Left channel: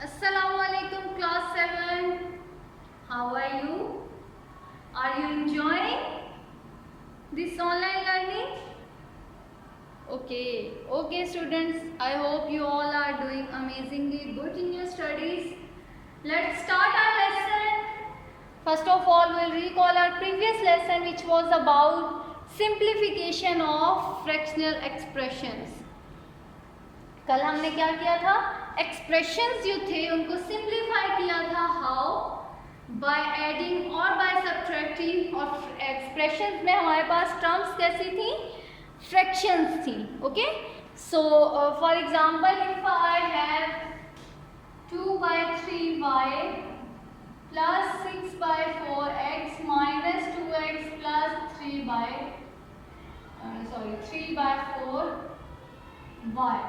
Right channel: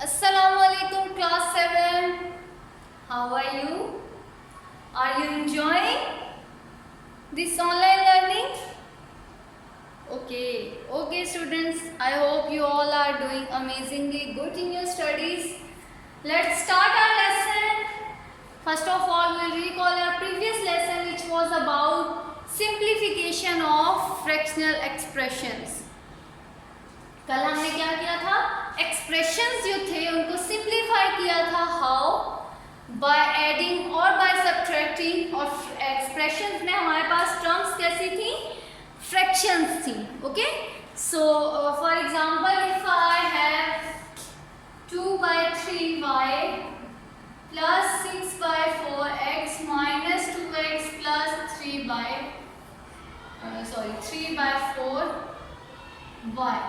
Assalamualaikum class 7. How are you? Are you enjoying this online learning? Okay students, I hope you all are doing amazingly good in your studies. Let's start our lesson. First of all, we'll recall our previous lesson which was about simplification of fractional expressions. कल हमने क्या किया था? Expressions जो थे उनको simplify किया था. हाउ? बाय एडिंग और बाय सब्ट्रैक्टिंग. और एक्सप्रेशंस में हमारे पास टर्म्स कैसी थी? फ्रैक्शंस थी. Okay, so for example if I have 2/3y plus 6/4x minus 2x plus 3/4y.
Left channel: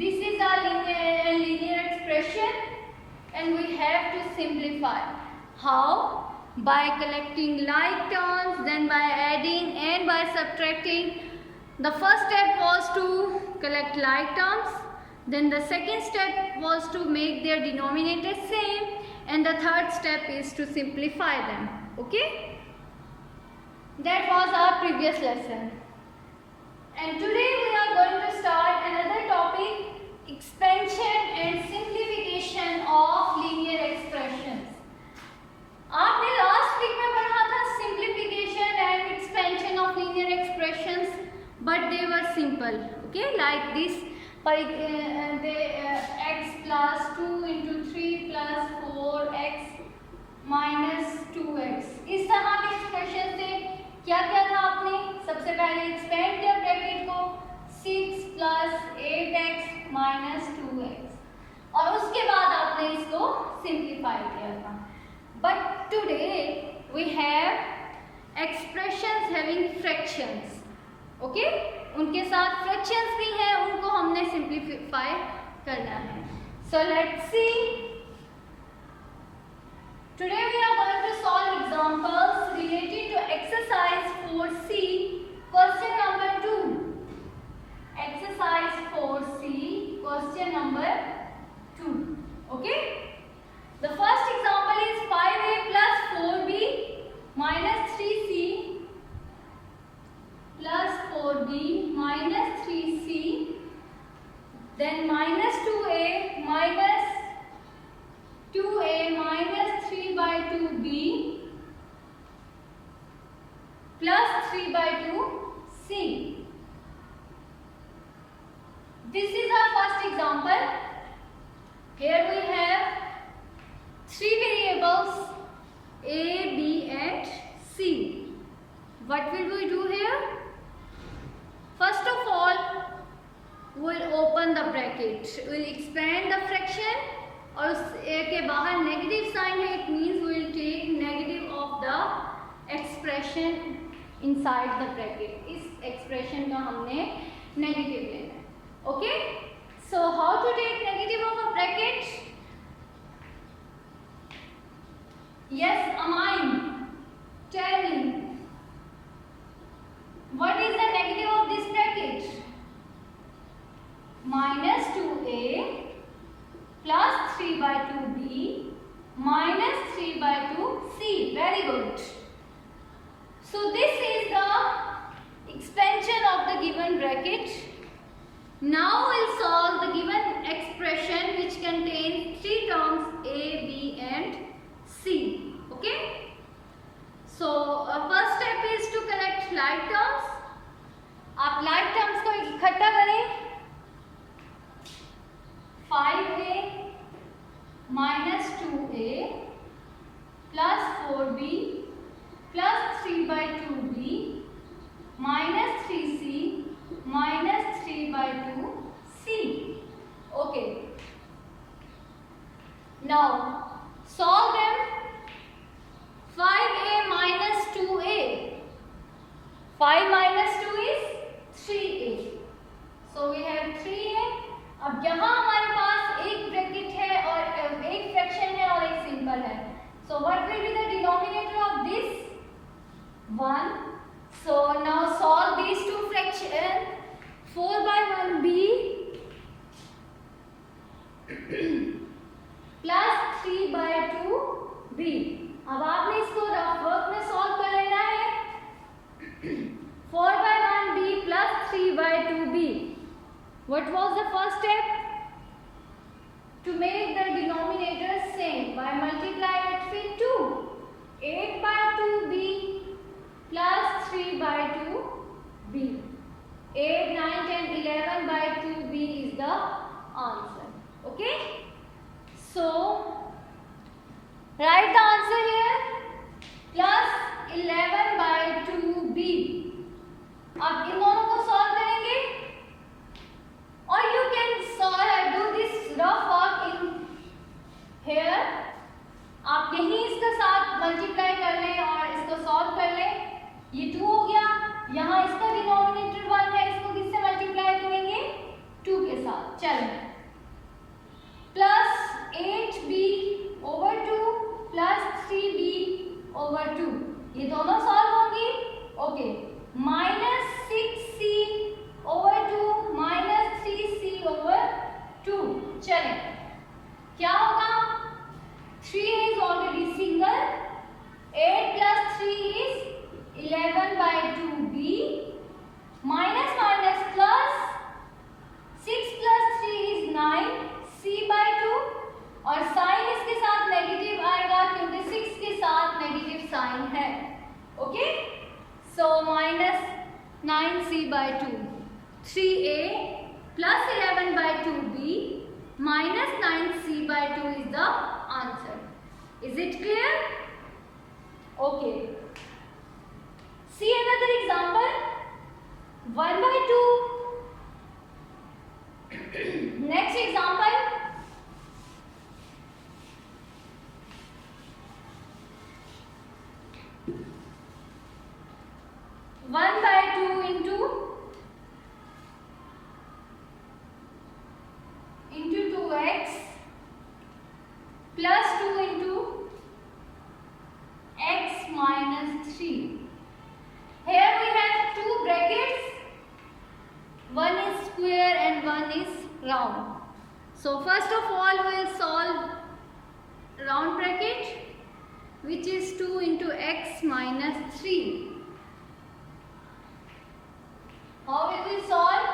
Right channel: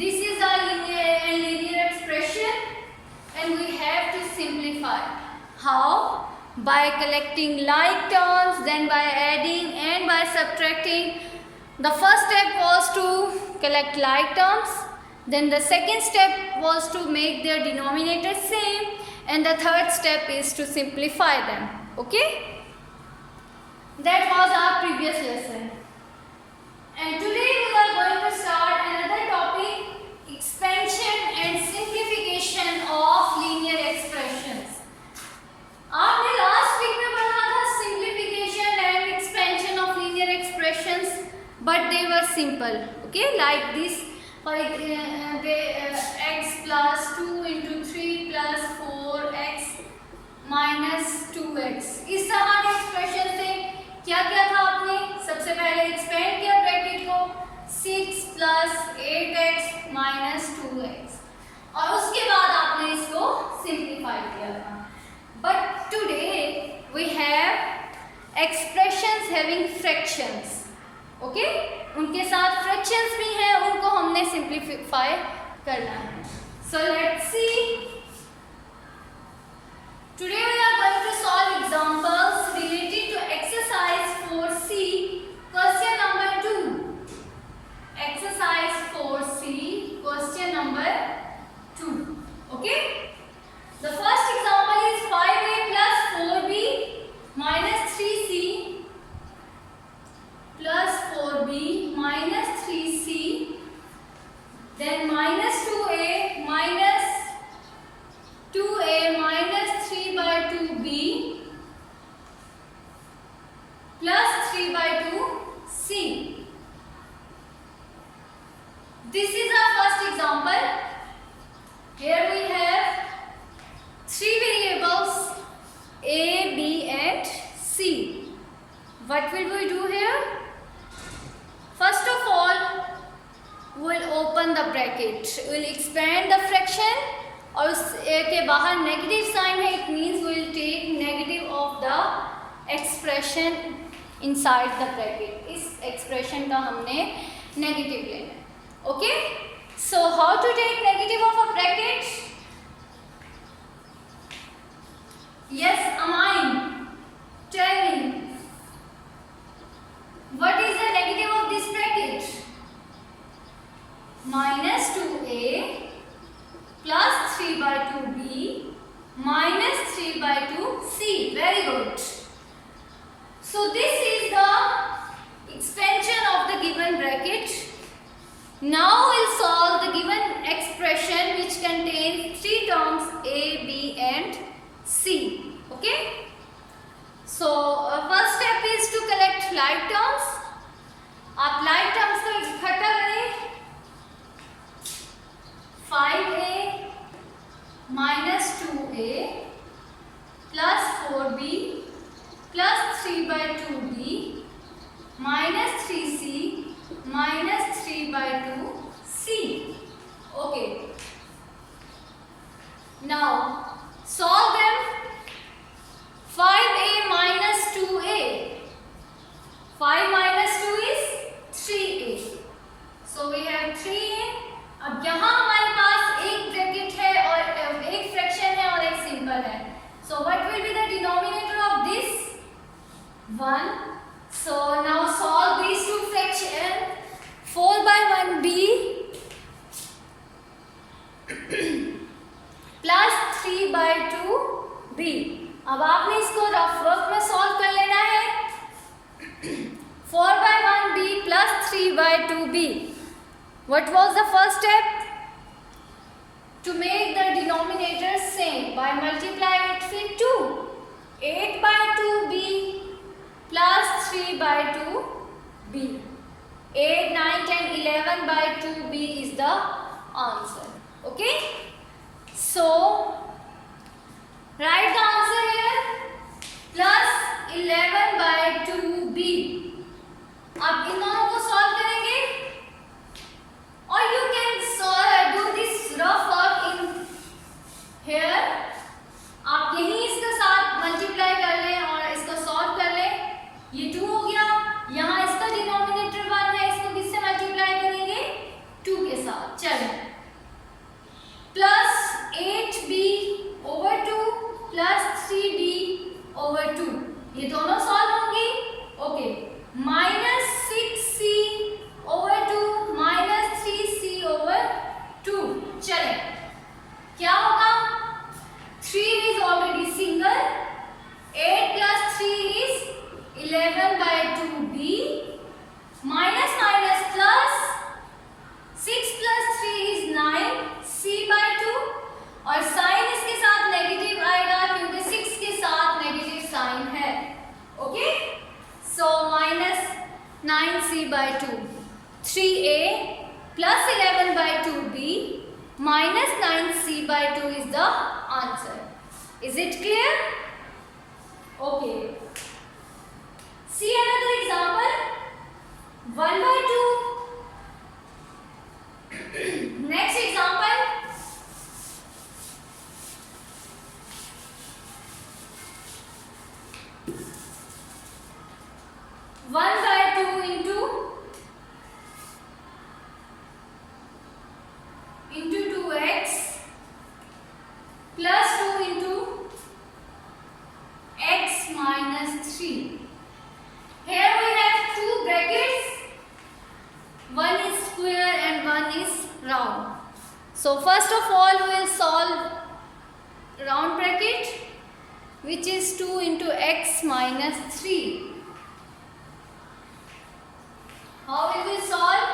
This is our linear expression and we have to simplify. How? By collecting like terms, then by adding and by subtracting. The first step was to collect like terms, then the second step was to make their denominator same, and the third step is to simplify them. Okay? That was our previous lesson. And today we are going to start another topic, expansion and simplification of linear expressions. आपने last week में पढ़ा था simplification and expansion of linear expressions, but they were simple. Okay, like this. X plus 2 into 3 plus 4x minus 2x. इस तरह के expression से क्या क्या था? आपने सबसे पहले एक्सपेंड किया ब्रैकेट को 6 प्लस 8x माइनस 2x, और उसके बाद आपने इसको सिंप्लीफाई किया था. But today we have expressions having fractions. Okay, उनके साथ फ्रैक्शंस भी हैं, उनको हमने सिंप्लीफाई करना है. So let's see. Today we are going to solve examples related to exercise 4C, question number 2. Exercise 4C, question number 2. Okay? The first example is 5a plus 4b minus 3c plus 4b minus 3c, then minus 2a minus 2a minus 3/2b plus 3/2c. This is our first example. Here we have three variables a, b and c. What will we do here? First of all, we will open the bracket. We will expand the fraction और उस के बाहर negative sign है. It means we will take negative of the expression inside the bracket. इस expression का हमने negative लेना है. Okay, so how to take negative of a bracket? Yes Amin, tell me what is the negative of this bracket? minus 2a plus 3/2b minus 3/2c. Very good. So this is the expansion of the given bracket. Now we'll solve the given expression which contains three terms a, b and c. Okay? So first step is to collect like terms. आप like terms को इकट्ठा करें. 5a minus 2a plus 4b plus 3/2b minus 3c minus 3/2c. Okay. Now solve them. 5a minus 2a. 5 minus 2 is 3a. So we have 3a. अब यहाँ हमारे पास एक bracket है और एक फ्रैक्शन है और एक सिंपल है. So what will be the denominator of this? 1. So now solve these two fraction. 4/1b What was the first step? To make the denominator same, by multiplying it with 2. 8 by 2b plus 3 by 2b. 8, 9, 10, 11 by 2b is the answer. Okay? So, write the answer here. Plus 11 by 2b. अब इन दोनों को solve करेंगे. Or you can do this rough work in here. आप यहीं इसके साथ multiply कर लें और इसको सॉल्व कर लें. ये 2 हो गया. यहाँ इसका डिनोमिनेटर 1 है, इसको किससे मल्टीप्लाई करेंगे? 2 के साथ. चलें. Plus 8b over 2 plus 3b over 2. ये दोनों सॉल्व होंगी. Okay. Minus 6c over 2 minus 3c over 2. चलें. क्या होगा? 3 is already single. 8 plus 3 is 11 by 2b. Minus minus plus 6 plus 3 is 9c by 2. और साइन इसके साथ नेगेटिव आएगा क्योंकि 6 के साथ नेगेटिव साइन है. Okay. So minus 9c by 2. 3a plus 11 by 2b minus 9c by 2 is the answer. Is it clear? Okay. See another example. 1 by 2. Next example. 1 by 2 into 2x plus 2 into x minus 3. Here we have two brackets. One is square and one is round. So first of all we will solve round bracket, which is 2 into x minus 3. How will we solve?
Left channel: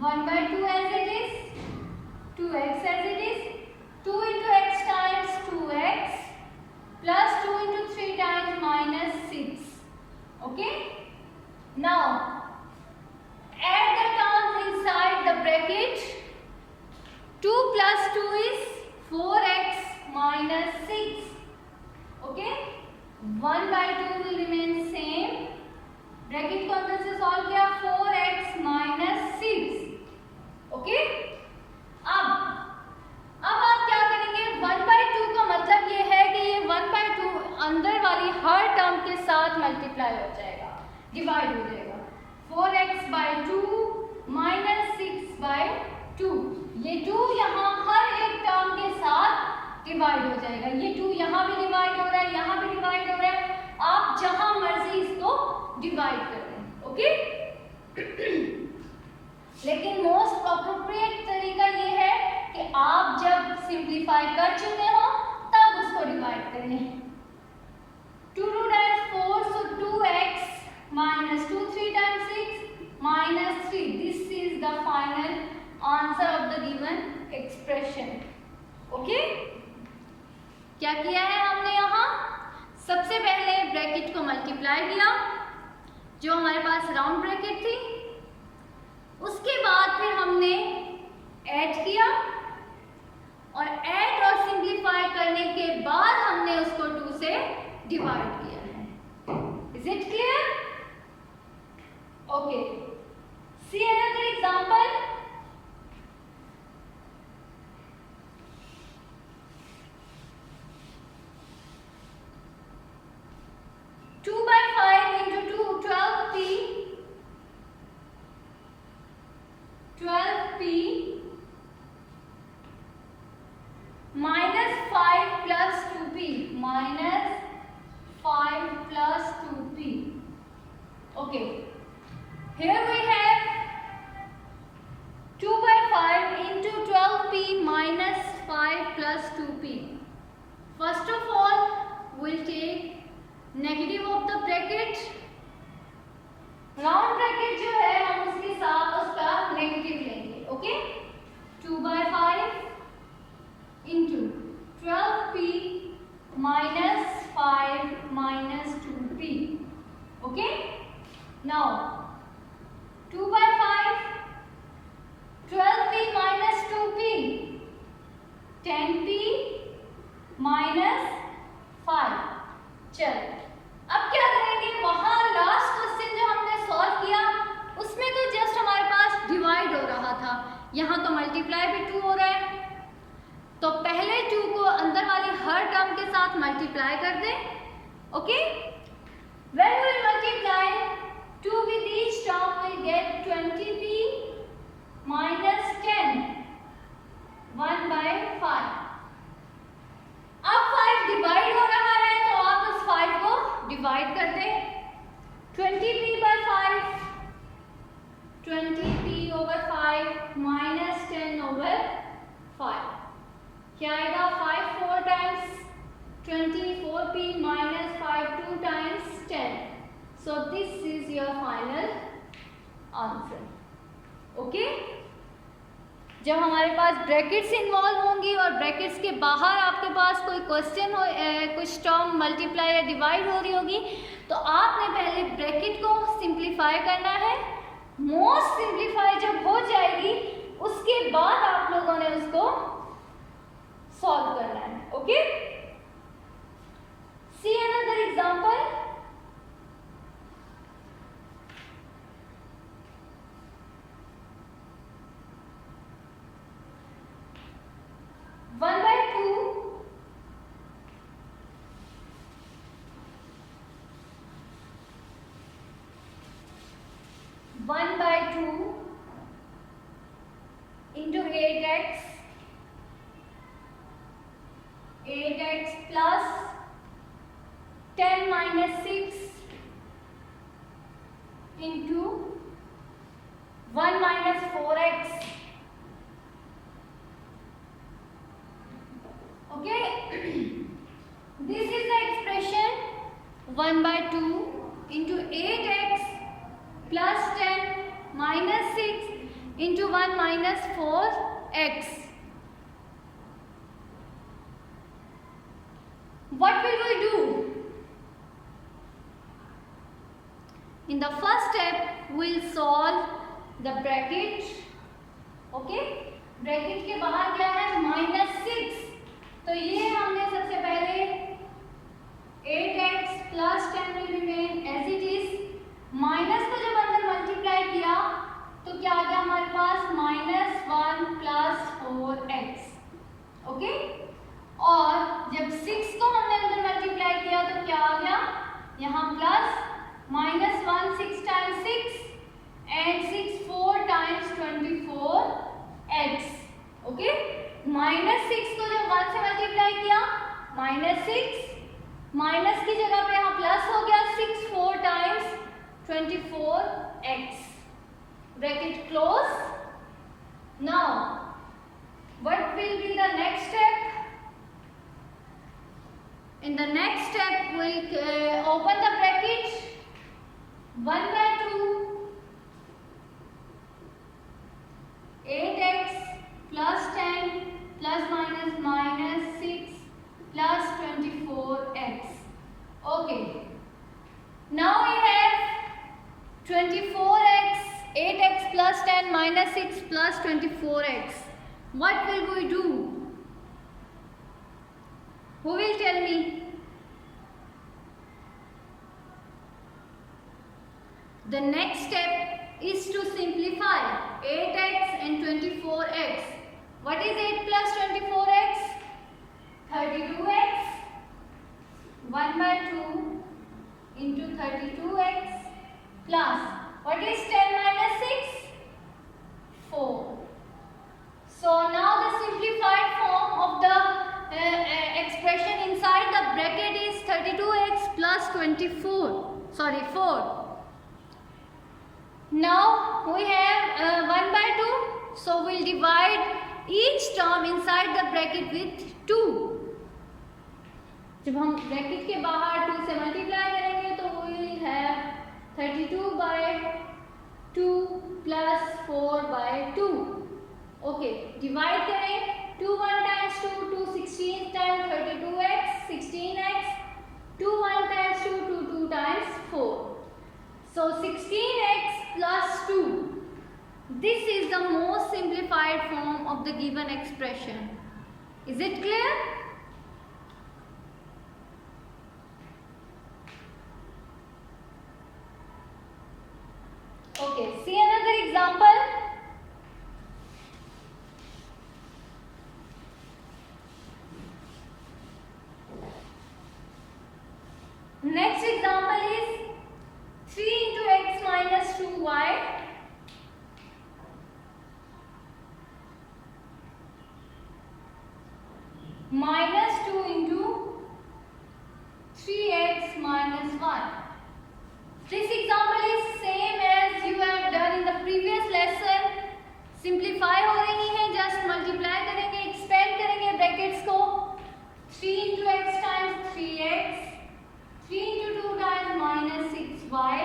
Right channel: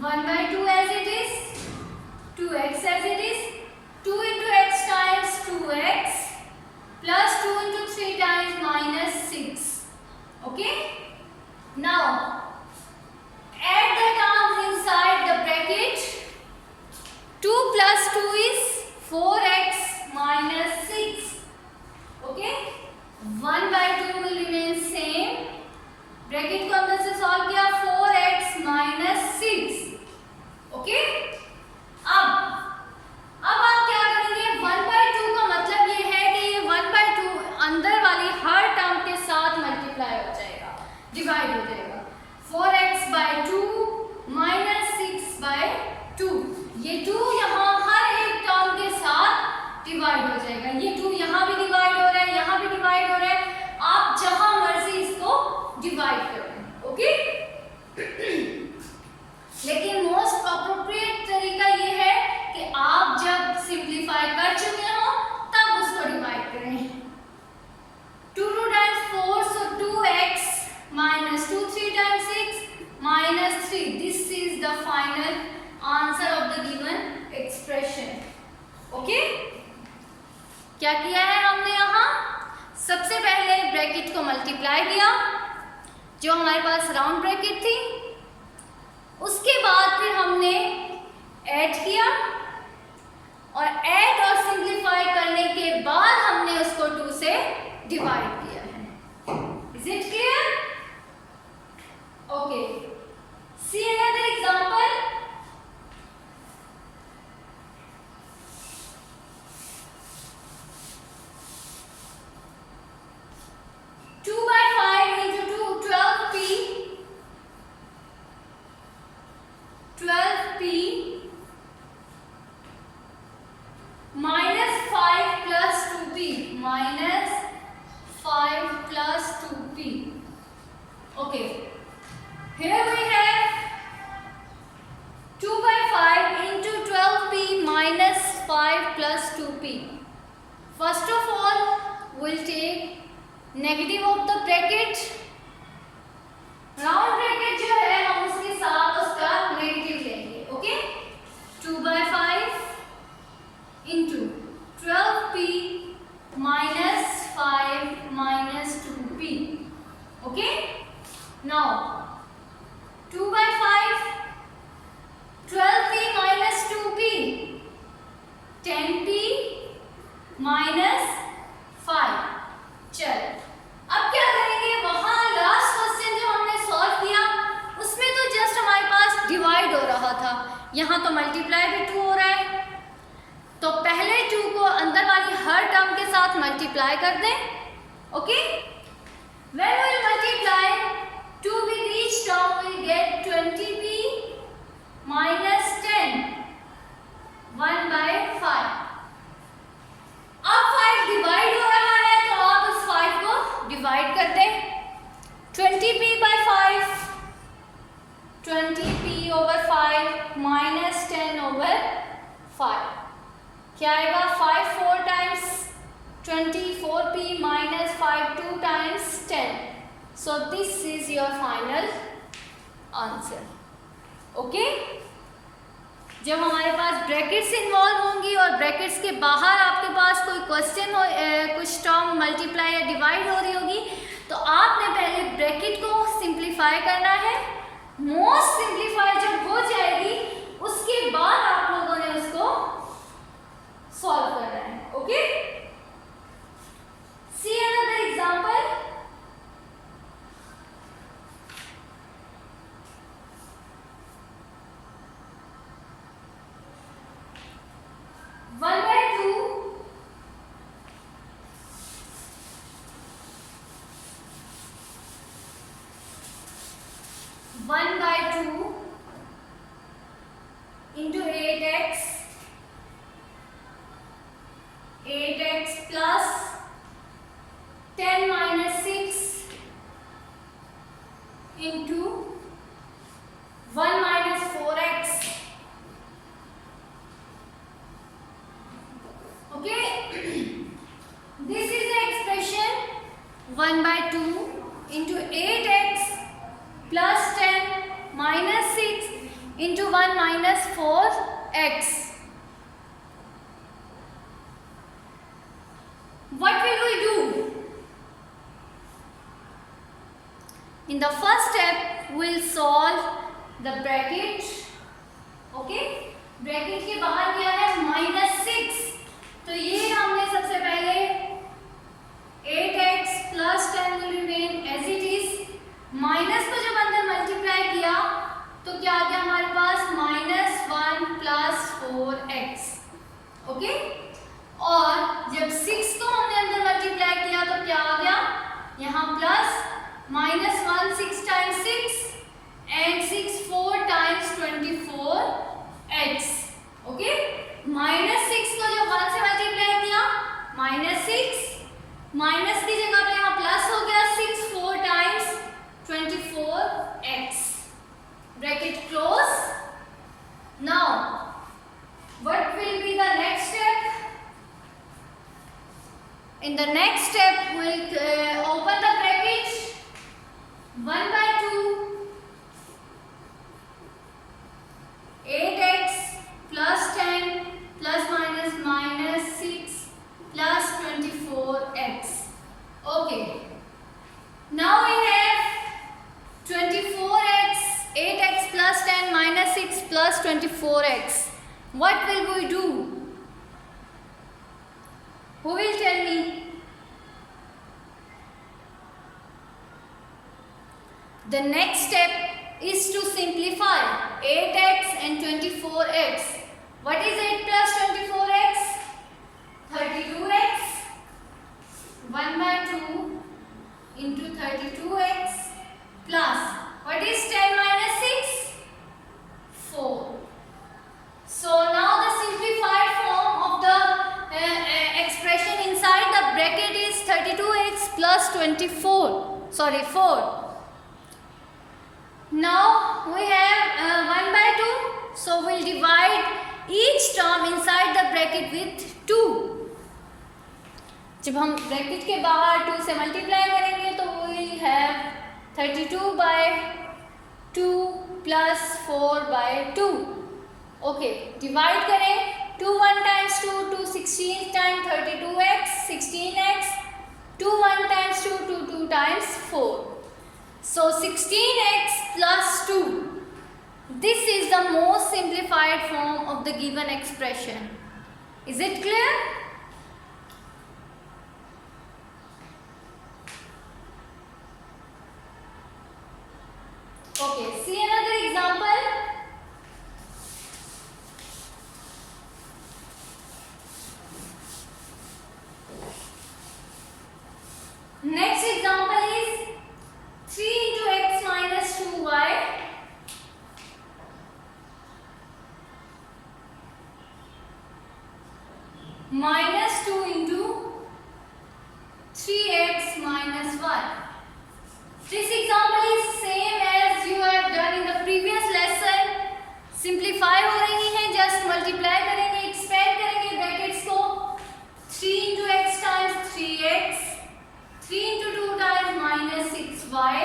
1 by 2 as it is, 2x as it is, 2 into x times 2x plus 2 into 3 times minus 6. Okay? Now, add the terms inside the bracket. 2 plus 2 is 4x minus 6. Okay? 1 by 2 will remain same. Bracket को अंदर से solve किया. 4x minus 6. Okay. अब आप क्या करेंगे? 1 by 2 का मतलब ये है कि ये 1 by 2 अंदर वाली हर टर्म के साथ मल्टीप्लाई हो जाएगा, डिवाइड हो जाएगा. 4x by 2 minus 6 by 2. ये 2 यहाँ हर एक टर्म के साथ डिवाइड हो जाएगा. ये 2 यहाँ भी डिवाइड हो रहा है, यहाँ भी डिवाइड हो रहा है. आप जहां मर्जी इसको डिवाइड करें. ओके. लेकिन मोस्ट अप्रोप्रिएट तरीका ये है कि आप जब सिंप्लीफाई कर चुके हो तब उसको डिवाइड करें. 2 times 4, so 2x minus 2, 3 times 6 minus 3. This is the final answer of the given expression. Okay? क्या किया है हमने यहाँ? सबसे पहले ब्रैकेट को मल्टीप्लाई किया, जो हमारे पास राउंड ब्रैकेट थी. उसके बाद फिर हमने ऐड किया और ऐड और सिंप्लीफाई करने के बाद हमने उसको 2 से डिवाइड किया है. Is it clear? Okay. See another example. Okay, here we have 2 by 5 into 12p minus 5 plus 2p. First of all, we'll take negative of the bracket. Round bracket जो है हम उसके साथ उसका नेगेटिव लेंगे. Okay 2/5 into 12p minus 5 minus 2p. Okay, now 2/5 12p minus 2p 10p minus 5. चल अब क्या करेंगे, वहां लास्ट क्वेश्चन जो हमने सॉल्व किया उसमें तो जस्ट हमारे पास डिवाइड हो रहा था, यहाँ तो मल्टीप्लाई भी 2 हो रहा है, तो पहले 2 को अंदर वाली हर टर्म के साथ मल्टीप्लाई कर दें. Okay, when we will multiply 2 with each term we will get 20p minus 10 1/5. अब 5 डिवाइड हो रहा है तो आप उस 5 को डिवाइड कर दें. 20p/5 20p/5 minus 10/5 क्या आएगा, 5 4 times 24p minus 5 2 times 10. So this is your final answer. Okay, जब हमारे पास ब्रैकेट्स इन्वॉल्व होंगी और ब्रैकेट्स के बाहर आपके पास कोई क्वेश्चन हो, कुछ टर्म मल्टीप्लाई या डिवाइड हो रही होगी, तो आपने पहले ब्रैकेट को सिंप्लीफाई करना है. मोस्ट सिंप्लीफाई जब हो जाएगी उसके बाद आप लोगों ने उसको सॉल्व करना है. Okay, see another example. One by two 1/2 into 8x plus 10 minus 6 into 1 minus 4x. Okay, this is the expression 1/2 into 8x plus 10 minus 6 into 1 minus 4x. What will we do? In the first step, we will solve the bracket. Okay, bracket के बाहर क्या है, -6. तो ये हमने सबसे पहले 8x plus 10 will remain as it is. Minus को जब अंदर मल्टीप्लाई किया तो क्या आ गया हमारे पास, -1 plus 4x. ओके, और जब 6 को हमने अंदर मल्टीप्लाई किया तो क्या आ गया, यहाँ plus -1 6 times 6 and 6 4 times 24x. Okay, -6 को जब 1 से मल्टीप्लाई किया -6, माइनस की जगह पे यहाँ प्लस हो गया, 6 4 times 24x. Bracket close. Now what will be the next step? In the next step we will open the bracket. 1/2 8x plus 10 plus minus 6 plus 24x. Okay, now we have 24x, 8x plus 10 minus 6 plus 24x. What will we do? Who will tell me? The next step is to simplify 8x and 24x. What is 8 plus 24x? 32x. 1/2 into 32x plus, what is 10 minus 6? 4. So now the simplified form of the expression inside the bracket is 32x plus 4. Now we have 1/2, so we'll divide each term inside the bracket with 2. जब हम bracket के बाहर 2 से multiply करेंगे तो we'll have 32/2 plus 4/2. Okay, divide करें 2 1 times 2 2 16 time 32x 16x 2 1 times 2 2 2 times 4. So 16x plus 2. This is the most simplified form of the given expression. Is it clear? Okay, see another example. Next example is 3 into x minus 2y minus 2 into 3x minus y. This example is same as you have done in the previous lesson. Simplify हो रही है, just multiply करेंगे, expand करेंगे brackets को. 3 into x times 3x, 3 into 2 times minus 6y.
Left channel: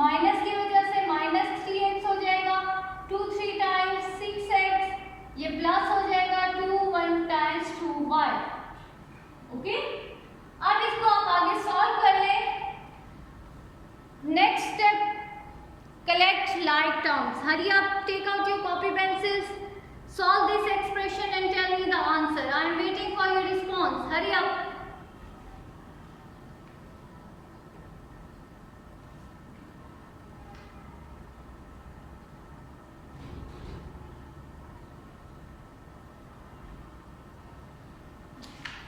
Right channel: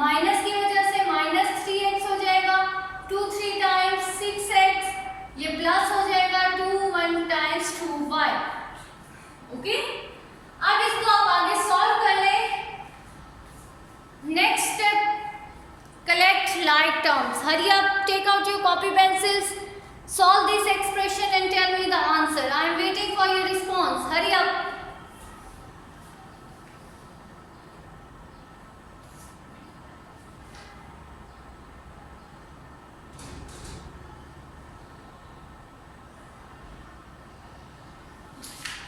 Minus की वजह से minus 3x हो जाएगा. 2 3 times 6x, ये प्लस हो जाएगा 2 1 times 2y. ओके, अब इसको आप आगे सॉल्व कर लें. Next step, collect like terms. Hurry up, take out your copy pencils, solve this expression and tell me the answer. I am waiting for your response. Hurry up.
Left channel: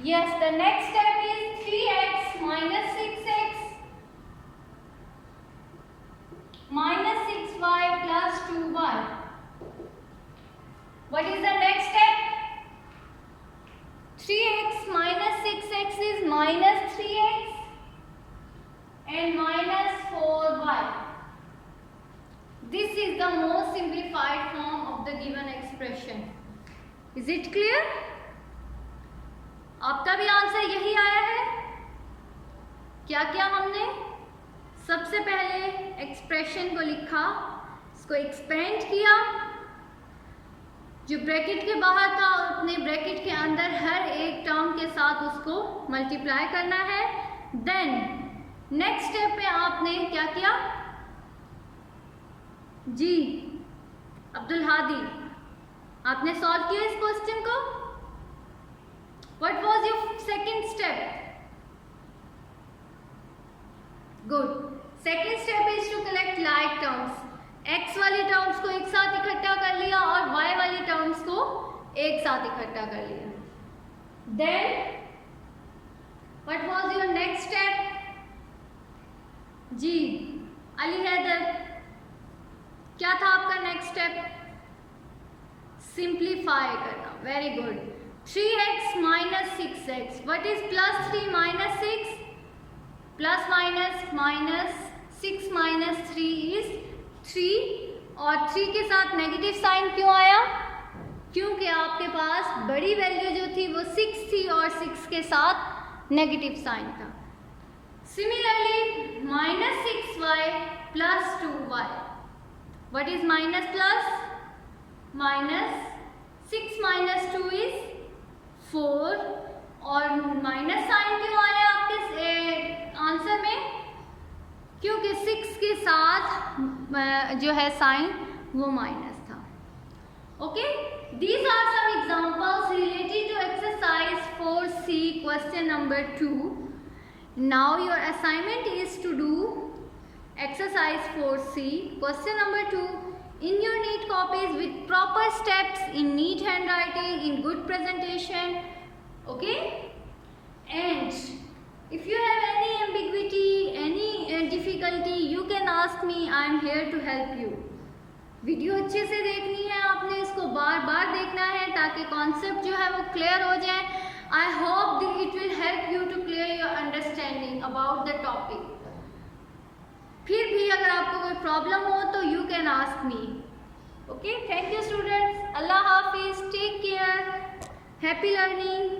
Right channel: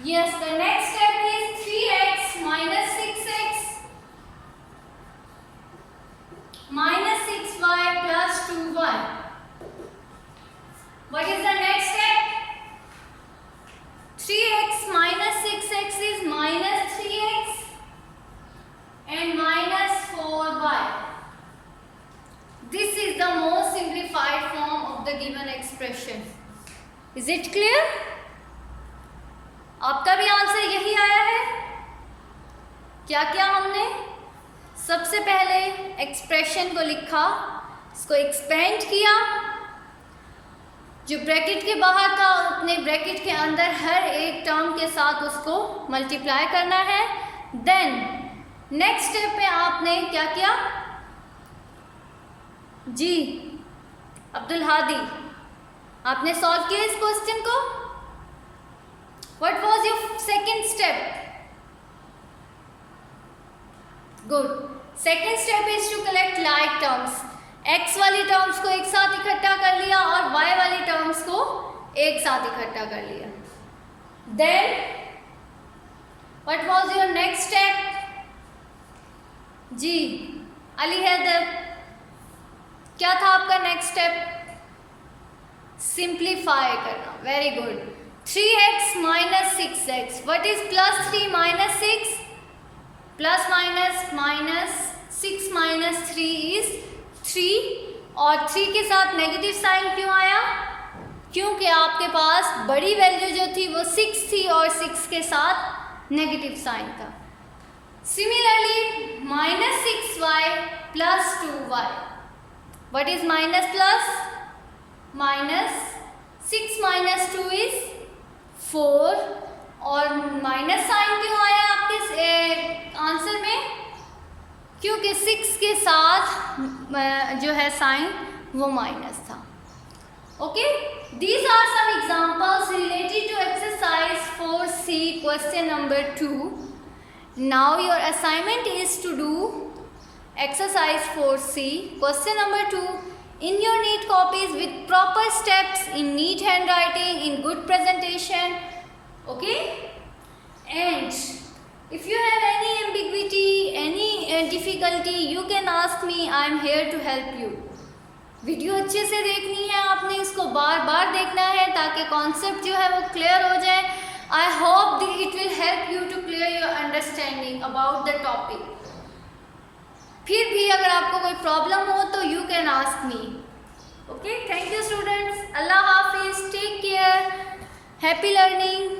Yes, the next step is 3x minus 6x minus 6y plus 2y. What is the next step? 3x minus 6x is minus 3x and minus 4y. This is the most simplified form of the given expression. Is it clear? आपका भी answer यही आया है. क्या क्या हमने सबसे पहले एक्सप्रेशन को लिखा, इसको एक्सपेंड किया, जो ब्रैकेट के बाहर था उतने ब्रैकेट के अंदर हर एक टर्म के साथ उसको मल्टीप्लाई करना है. देन नेक्स्ट स्टेप पे आपने क्या किया जी अब्दुल हादी, आपने सॉल्व किया इस क्वेश्चन को. What was your second step? Good. Second step is to collect like terms. X वाली टर्म्स को एक साथ इकट्ठा कर लिया और Y वाली टर्म्स को एक साथ इकट्ठा कर लिया. Then what was your next step? जी अली हैदर, क्या था आपका नेक्स्ट स्टेप? सिंप्लीफाई करना. Very good. 3x minus 6x. What is plus 3 minus 6? Plus minus minus 6 minus 3 is 3. और 3 के साथ नेगेटिव साइन क्यों आया? क्योंकि आपके पास बड़ी वैल्यू जो थी वो 6 थी और 6 के साथ नेगेटिव साइन था. Similarly minus 6y plus 2y. What is minus plus? Minus 6 minus 2 is 4. और माइनस साइन क्यों आया आपके आंसर में? क्योंकि 6 के साथ जो है साइन वो माइनस था. Okay, these are some examples related to exercise 4C question number 2. Now your assignment is to do exercise 4C question number 2 in your neat copies with proper steps, in neat handwriting, in good presentation. Okay, and if you have any ambiguity, any difficulty, you can ask me. I am here to help you. Video अच्छे से देखनी है आपने, इसको बार बार देखना है ताकि concept जो है वो क्लियर हो जाए. I hope that it will help you to clear your understanding about the topic. फिर भी अगर आपको कोई प्रॉब्लम हो तो you can ask me. Okay, thank you students. Allah हाफिज़. Take care. Happy learning.